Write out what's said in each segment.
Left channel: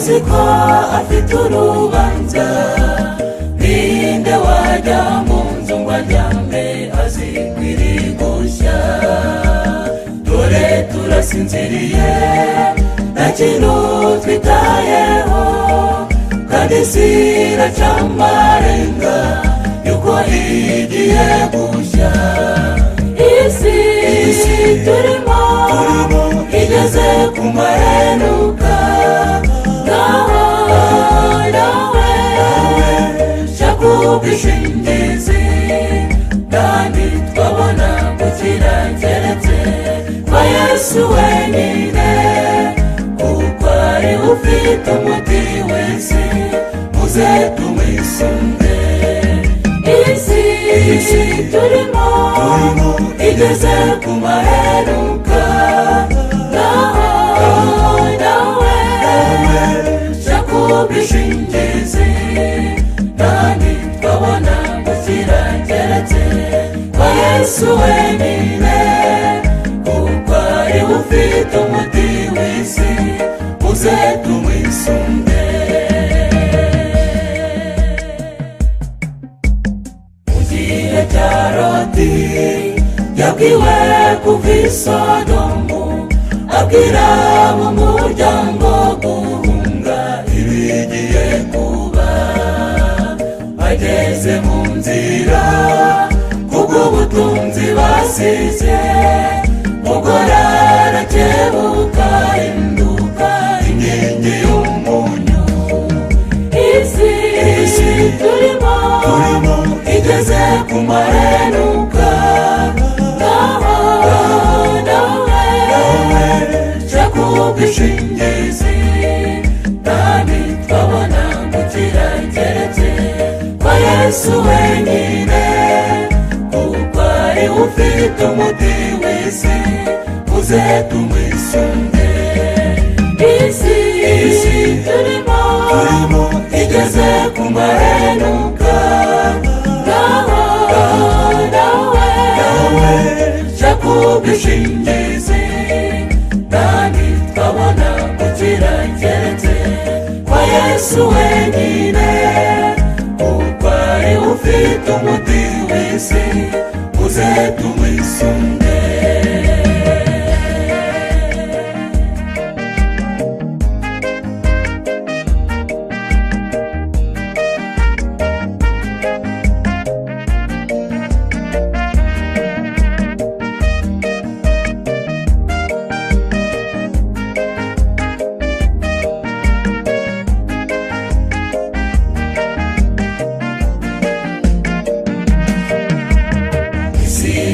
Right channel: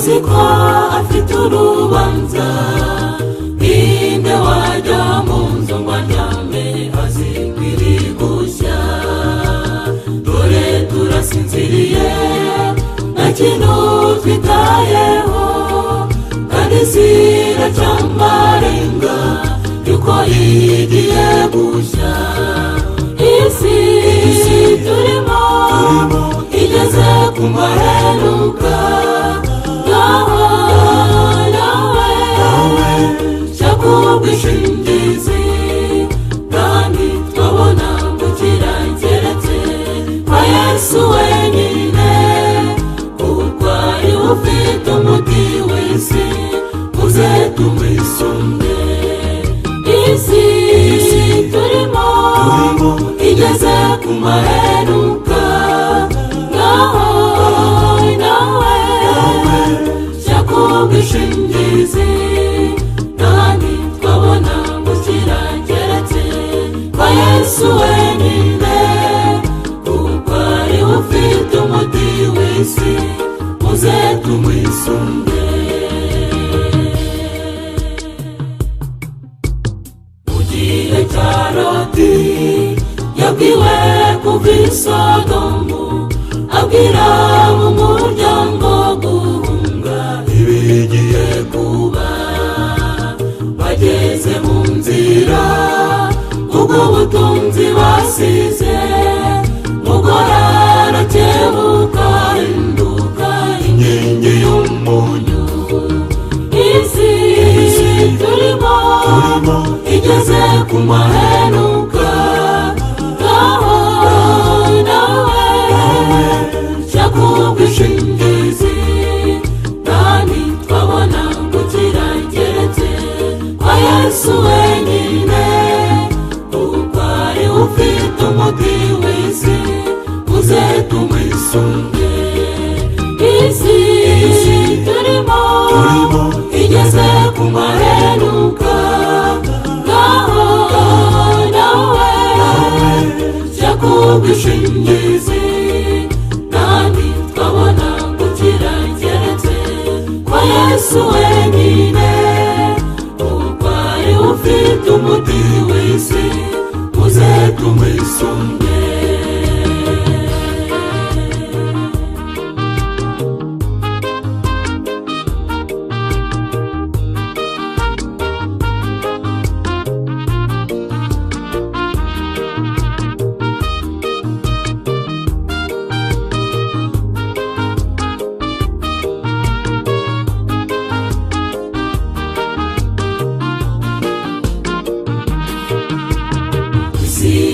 aziko afite urubanza. Ninde wajya mu nzu ngo aryame azikwiri gushya? Dore turasinziriye nta kintu twitayeho, kandi ziracyamarenga yuko igiye gushya. Isi turimo igeze ku maheruka. Nawe shaka ubwishingizi, kandi twabona gukira keretse kwa Yesu wenyine, kuko ari we ufite umuti w'isi, muze tumwisunge. Isi turimo igeze ku maheruka. Nawe shaka ubwishingizi, kandi twabona gukira keretse kwa Yesu wenyine, kuko ari we ufite umuti w'isi, muze tumwisunge. Mu gihe cya Loti yabwiwe kuva i Sodomu, abwira mu muryango guhunga ibigiye kuba. Bageze mu nzira ubwo butunzi basize, umugore arakebuka ahinduka inkingi y'umunyu. Isi turimo igeze ku maheruka. Nawe shaka ubwishingizi, kandi twabona gukira keretse kwa Yesu wenyine, kuko ari we ufite umuti w'isi, muze tumwisunge. Isi turimo igeze ku maheruka. Nawe shaka ubwishingizi, kandi twabona gukira keretse kwa Yesu wenyine, kuko ari we ufite umuti w'isi, muze tumwisunge.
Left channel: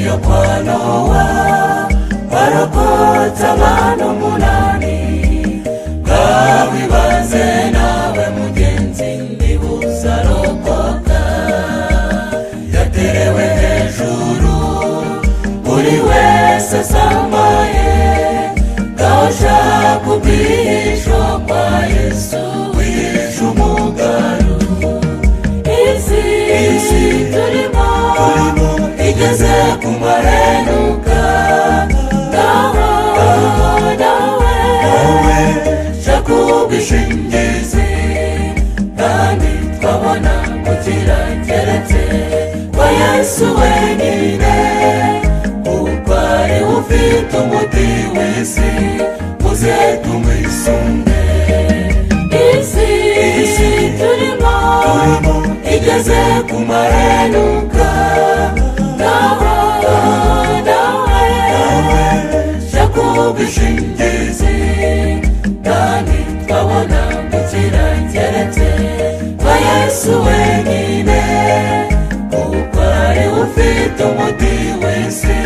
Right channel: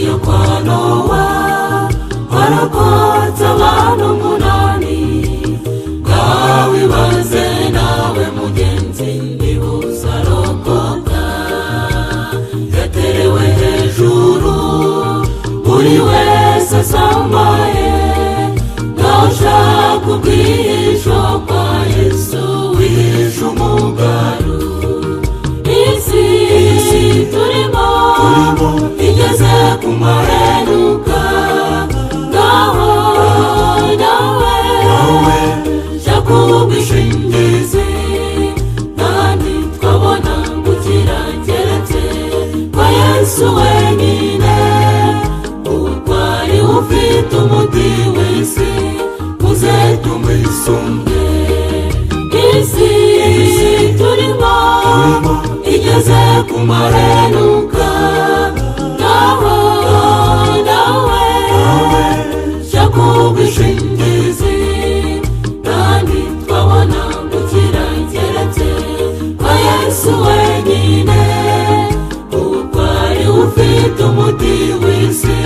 Yo kwa Nowa warokotse abantu 8. Bwibaze nawe mugenzi niba uzarokoka. Yaterewe hejuru buri wese asambaye, gashaka ubwihisho kwa Yesu wihishe umugaru. Isi turimo igeze ku maheruka. Nawe shaka ubwishingizi, kandi twabona gukira keretse kwa Yesu wenyine, kuko ari we ufite umuti w'isi, muze tumwisunge. Isi turimo igeze ku maheruka. Nawe shaka ubwishingizi, kandi twabona gukira keretse kwa Yesu wenyine, kuko ari we ufite umuti w'isi,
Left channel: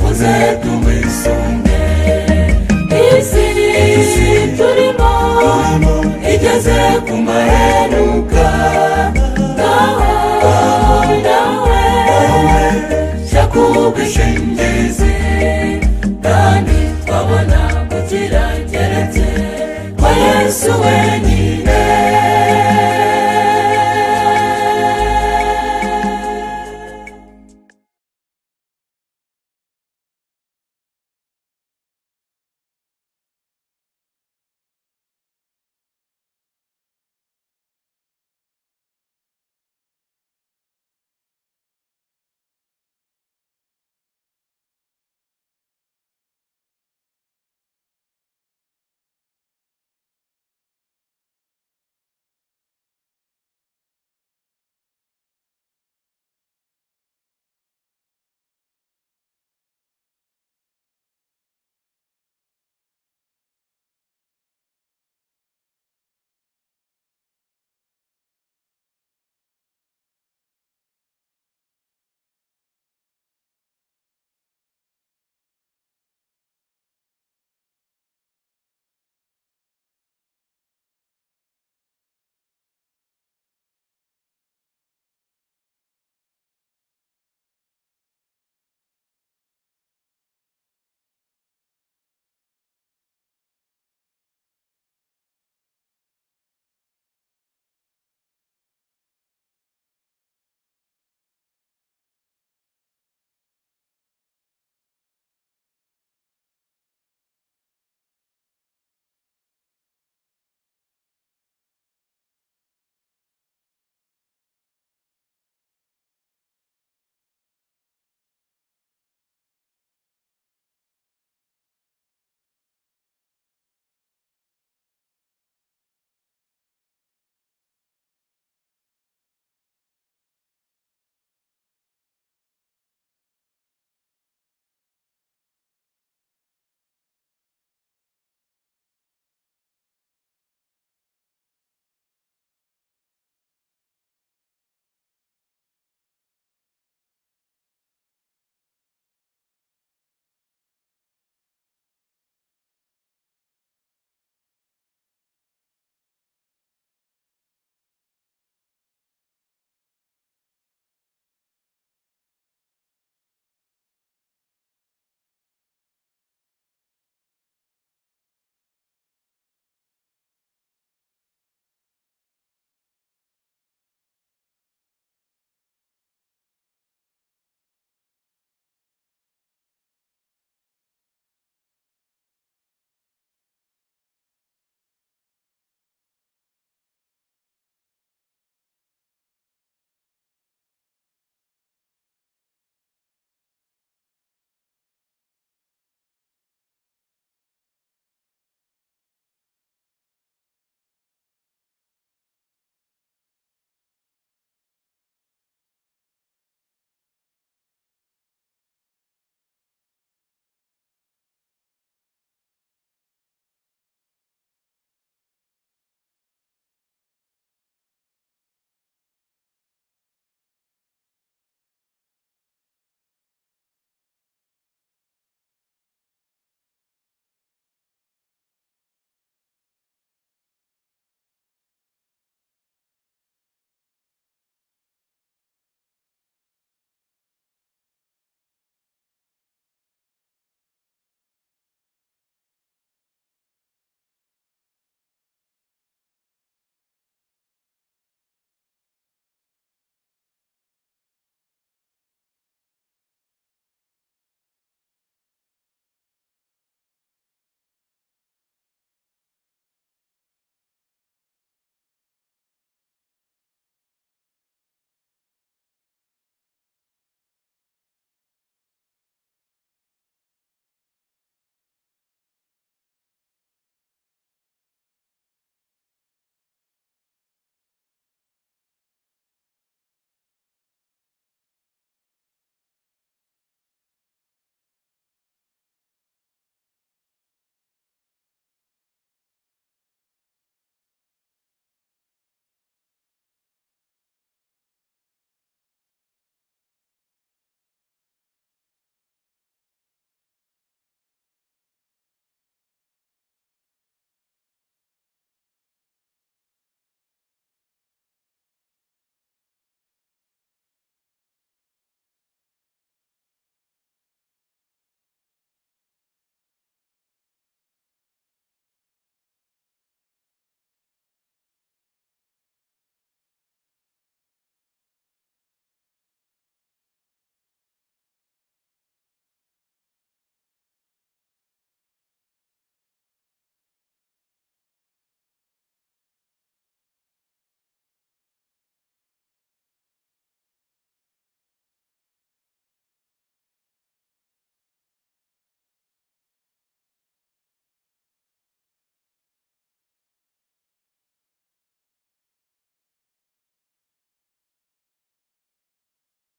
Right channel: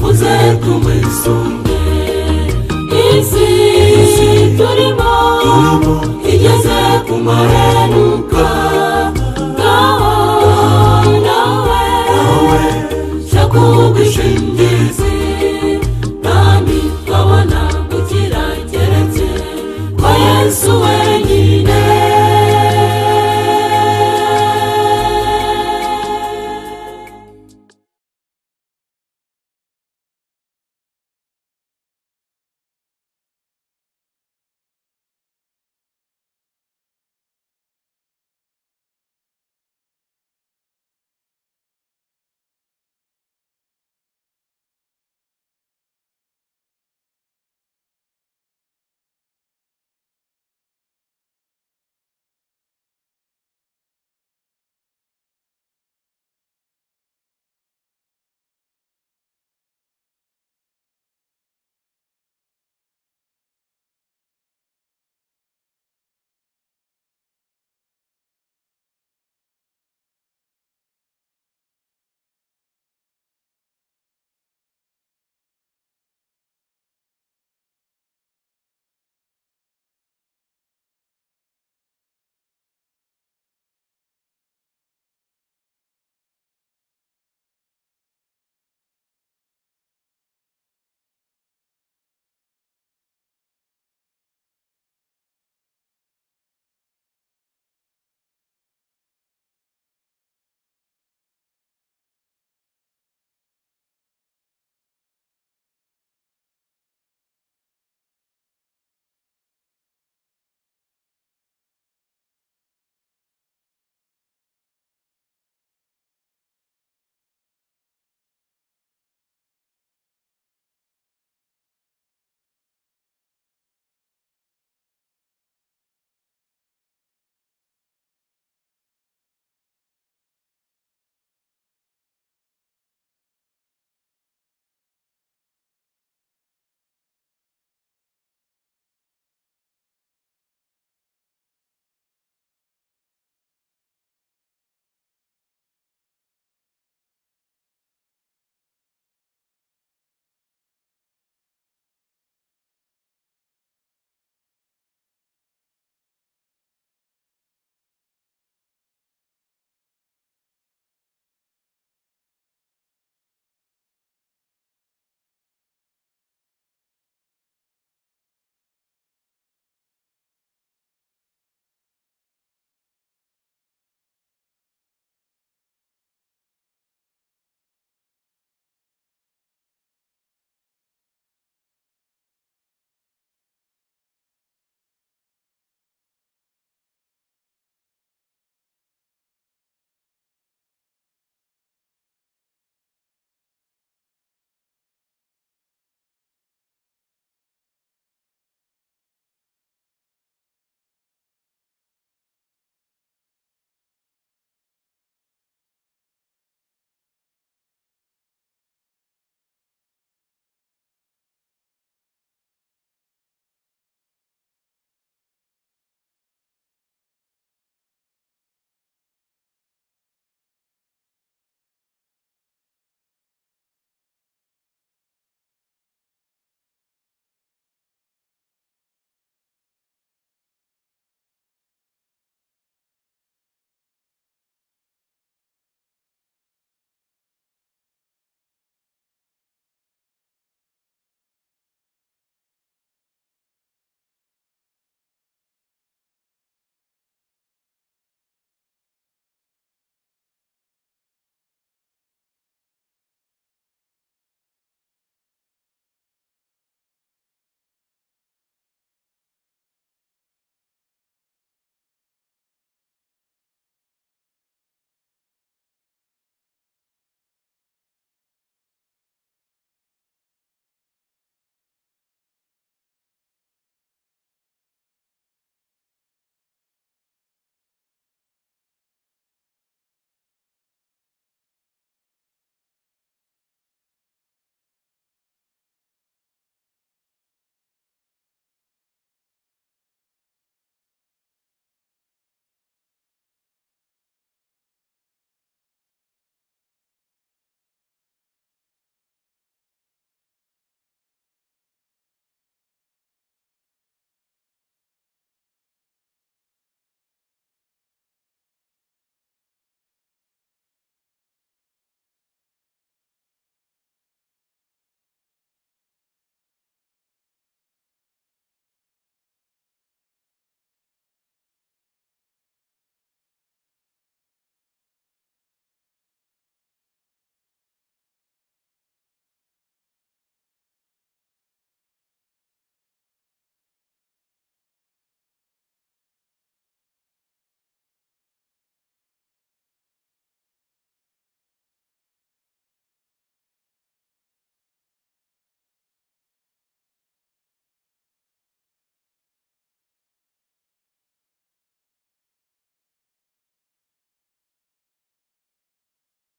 muze tumwisunge.